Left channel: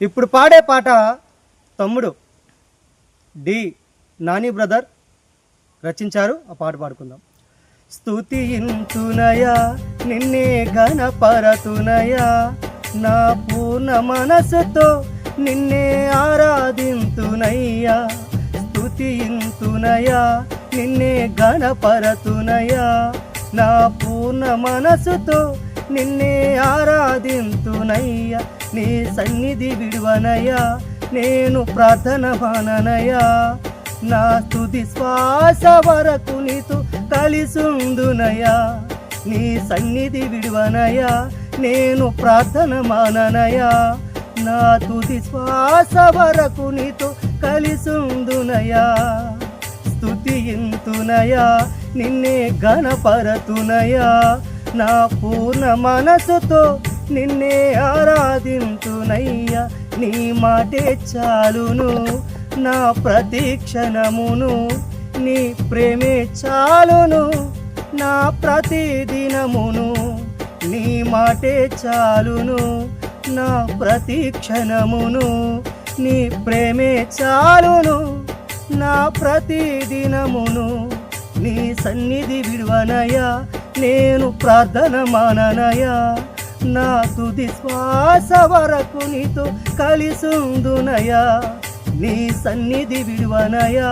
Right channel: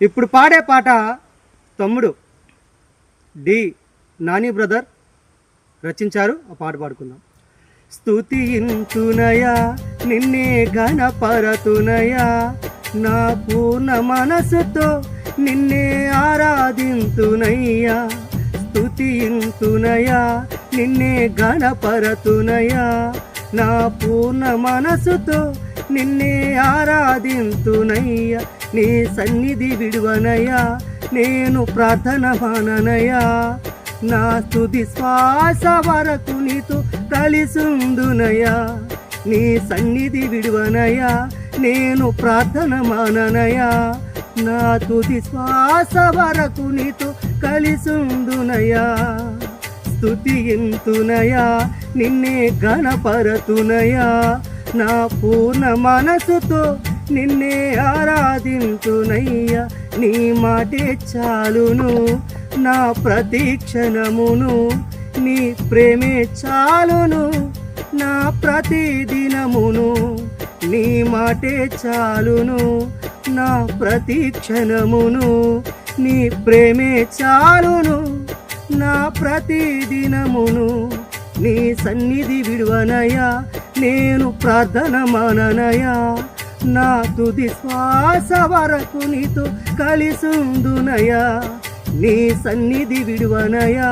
ఇప్పుడు పాడే పాట తమ్ముడు డి నాని బ్రదర్ రచించారు. ఆ పాట పాడుకుందాం. స్తుతింతునయా నిన్నే ఘనపరతునయా, నా పూర్ణ మనసుతో నిన్నే ఆరాధింతునయ్యా. స్తుతింతునయా నిన్నే ఘనపరతునయా, నా పూర్ణ మనసుతో నిన్నే ఆరాధింతునయ్యా. నీ సన్నిధి విడువనయ్యా, నేను ప్రార్థన మాననయ్యా. నా తుది శ్వాస వరకు నీతో కలిసుందునయ్యా. నీ సన్నిధి విడువనయ్యా, నేను ప్రార్థన మాననయ్యా. నా తుది శ్వాస వరకు నీతో కలిసుందునయ్యా. స్తుతింతునయా నిన్నే ఘనపరతునయా, నా పూర్ణ మనసుతో నిన్నే ఆరాధింతునయ్యా. నీ మాటే చాలును నా ప్రతి క్షణమును, నీ ప్రేమే చాలును నా ప్రతి దినమును. నీ మాటే చాలును నా ప్రతి క్షణమును, నీ ప్రేమే చాలును నా ప్రతి దినమును. నీ సన్నిధి విడువనయా, నేను ప్రార్థన మాననయా. నా తుది శ్వాస వరకు నీతో కలిసుందునయా. నీ సన్నిధి విడువనయా,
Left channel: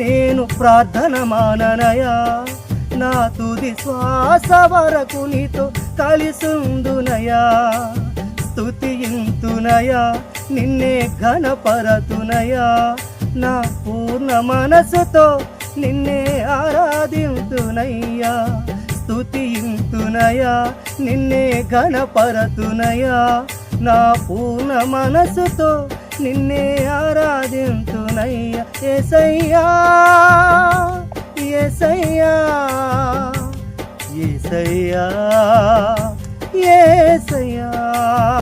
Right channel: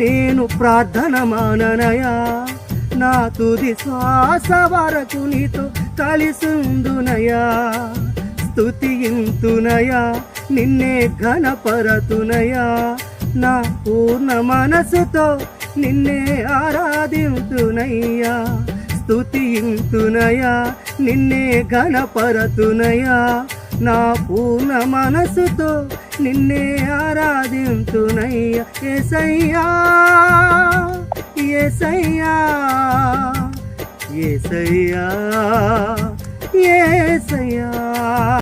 నేను ప్రార్థన మాననయా. నా తుది శ్వాస వరకు నీతో కలిసుందునయా. స్తుతింతునయా నిన్నే ఘనపరతునయా, నా పూర్ణ మనసుతో నిన్నే ఆరాధింతునయ్యా. స్తుతింతునయా నిన్నే ఘనపరతునయా, నా పూర్ణ మనసుతో నిన్నే ఆరాధింతునయ్యా. యేసయ్యా యేసయ్యా యేసయ్యా యేసయ్యా.